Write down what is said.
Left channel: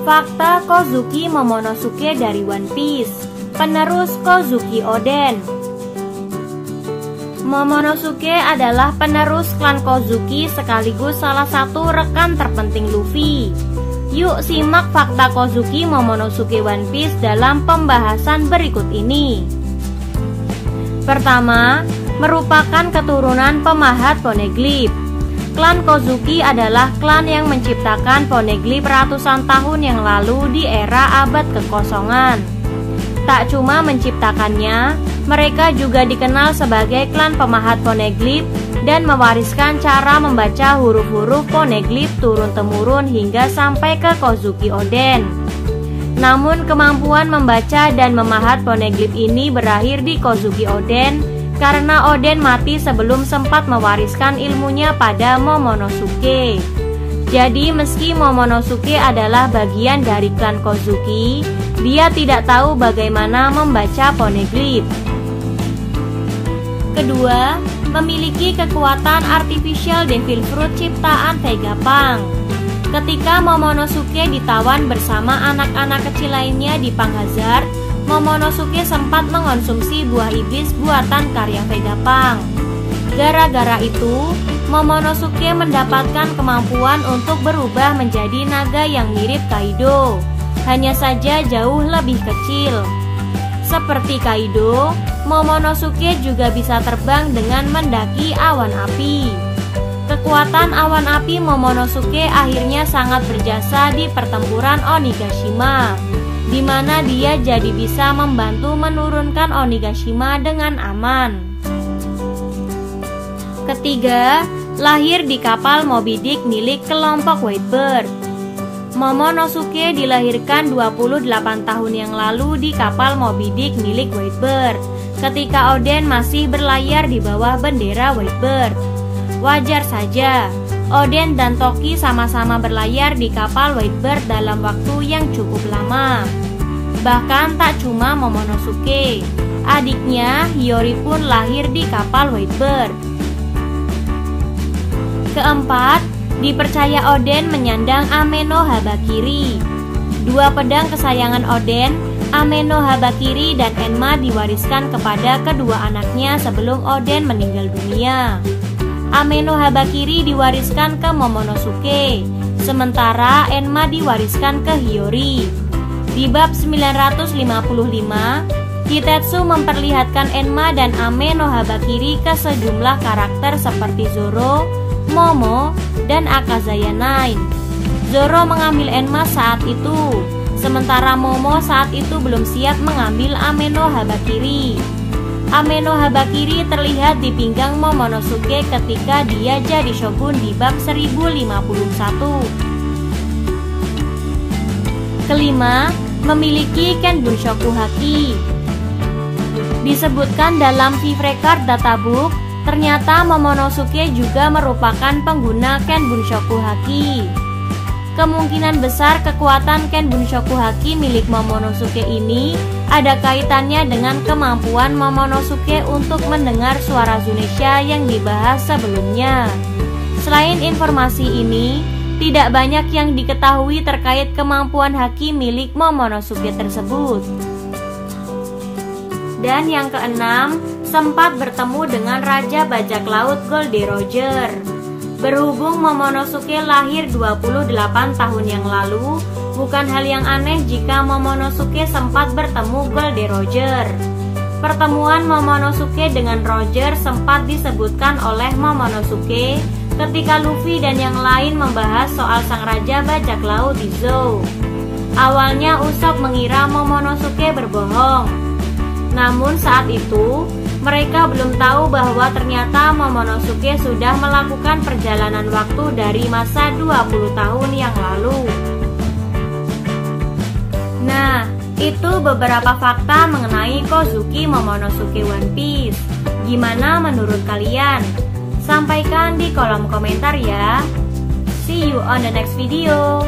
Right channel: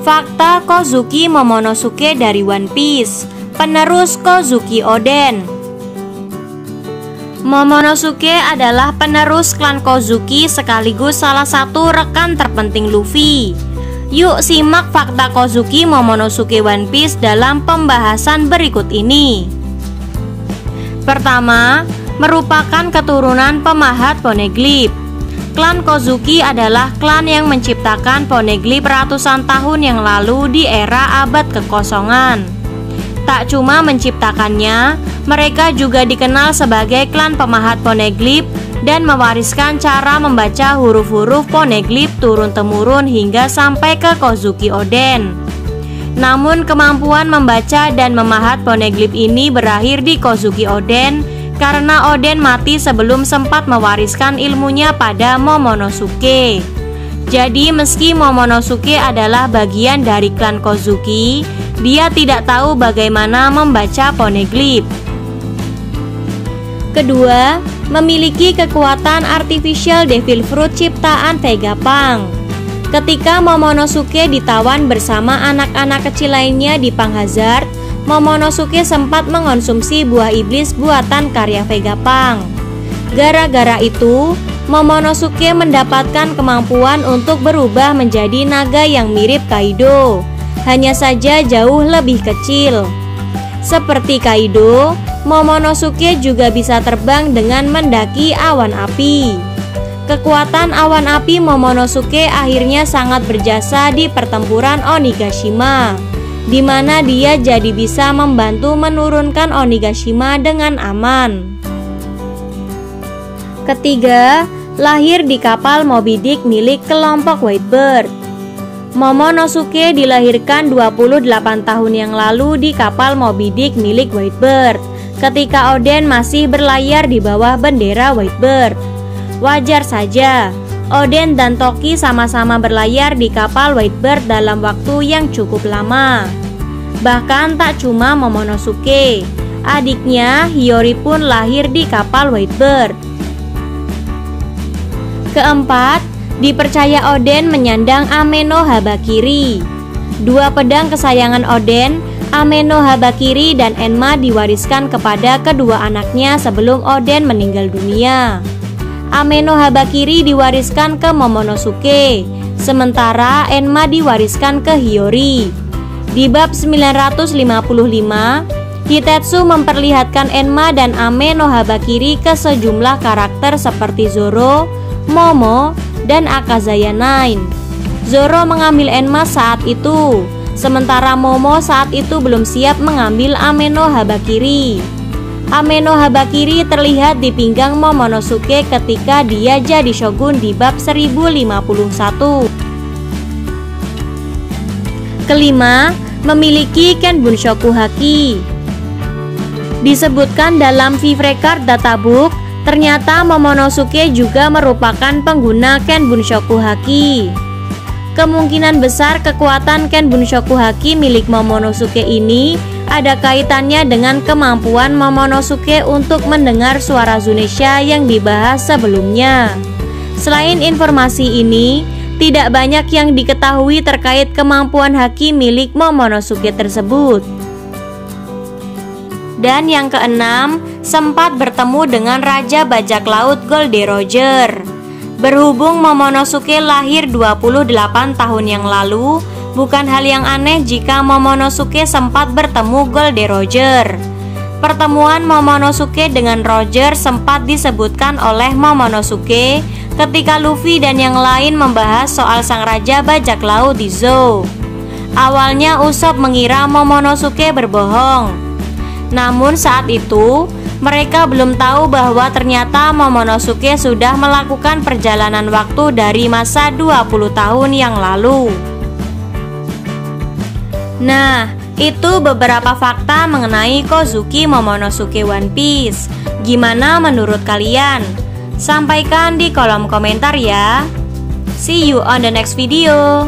Fakta Kozuki Momonosuke dari One Piece. Penerus Kozuki Oden. Momonosuke adalah penerus klan Kozuki sekaligus salah satu rekan terpenting Luffy. Yuk simak fakta Kozuki Momonosuke One Piece dalam pembahasan berikut ini. Pertama, merupakan keturunan pemahat poneglyph. Klan Kozuki adalah klan yang menciptakan poneglyph ratusan tahun yang lalu di era abad kekosongan. Tak cuma menciptakannya, mereka juga dikenal sebagai klan pemahat poneglyph dan mewariskan cara membaca huruf-huruf poneglyph turun-temurun hingga sampai ke Kozuki Oden. Namun kemampuan membaca dan memahat poneglyph ini berakhir di Kozuki Oden karena Oden mati sebelum sempat mewariskan ilmunya pada Momonosuke. Jadi meski Momonosuke adalah bagian dari klan Kozuki, dia tidak tahu bagaimana membaca poneglyph. Kedua, memiliki kekuatan artificial devil fruit ciptaan Vegapunk. Ketika Momonosuke ditawan bersama anak-anak kecil lainnya di Punk Hazard, Momonosuke sempat mengonsumsi buah iblis buatan karya Vegapunk. Gara-gara itu, Momonosuke mendapatkan kemampuan untuk berubah menjadi naga yang mirip Kaido, hanya saja jauh lebih kecil. Seperti Kaido, Momonosuke juga bisa terbang dengan mendaki awan api. Kekuatan awan api Momonosuke akhirnya sangat berjasa di pertempuran Onigashima, di mana dia jadi bisa membantu menurunkan Onigashima dengan aman. Ketiga, lahir di kapal Moby Dick milik kelompok Whitebird. Momonosuke dilahirkan 28 tahun yang lalu di kapal Moby Dick milik Whitebird, ketika Oden masih berlayar di bawah bendera Whitebird. Wajar saja, Oden dan Toki sama-sama berlayar di kapal Whitebird dalam waktu yang cukup lama. Bahkan tak cuma Momonosuke, adiknya Hiyori pun lahir di kapal Whitebird. Keempat, dipercaya Oden menyandang Ame no Habakiri. Dua pedang kesayangan Oden, Ame no Habakiri dan Enma, diwariskan kepada kedua anaknya sebelum Oden meninggal dunia. Ame no Habakiri diwariskan ke Momonosuke, sementara Enma diwariskan ke Hiyori. Di bab 955, Hitetsu memperlihatkan Enma dan Ame no Habakiri ke sejumlah karakter seperti Zoro, Momo, dan Akazaya 9. Zoro mengambil Enma saat itu, sementara Momo saat itu belum siap mengambil Ame no Habakiri. Ame no Habakiri terlihat di pinggang Momonosuke ketika dia jadi shogun di bab 1051. Kelima, memiliki Ken Bunshoku Haki. Disebutkan dalam Viv Record Databook, ternyata Momonosuke juga merupakan pengguna Ken Bunshoku Haki. Kemungkinan besar kekuatan Ken Bunshoku Haki milik Momonosuke ini ada kaitannya dengan kemampuan Momonosuke untuk mendengar suara Zunisha yang dibahas sebelumnya. Selain informasi ini, tidak banyak yang diketahui terkait kemampuan haki milik Momonosuke tersebut. Dan yang keenam, sempat bertemu dengan Raja Bajak Laut Goldie Roger. Berhubung Momonosuke lahir 28 tahun yang lalu, bukan hal yang aneh jika Momonosuke sempat bertemu Goldie Roger. Pertemuan Momonosuke dengan Roger sempat disebutkan oleh Momonosuke ketika Luffy dan yang lain membahas soal sang Raja Bajak Laut di Zou. Awalnya Usopp mengira Momonosuke berbohong. Namun saat itu, mereka belum tahu bahwa ternyata Momonosuke sudah melakukan perjalanan waktu dari masa 20 tahun yang lalu. Nah, itu beberapa fakta mengenai Kozuki Momonosuke One Piece. Gimana menurut kalian? Sampaikan di kolom komentar ya. See you on the next video.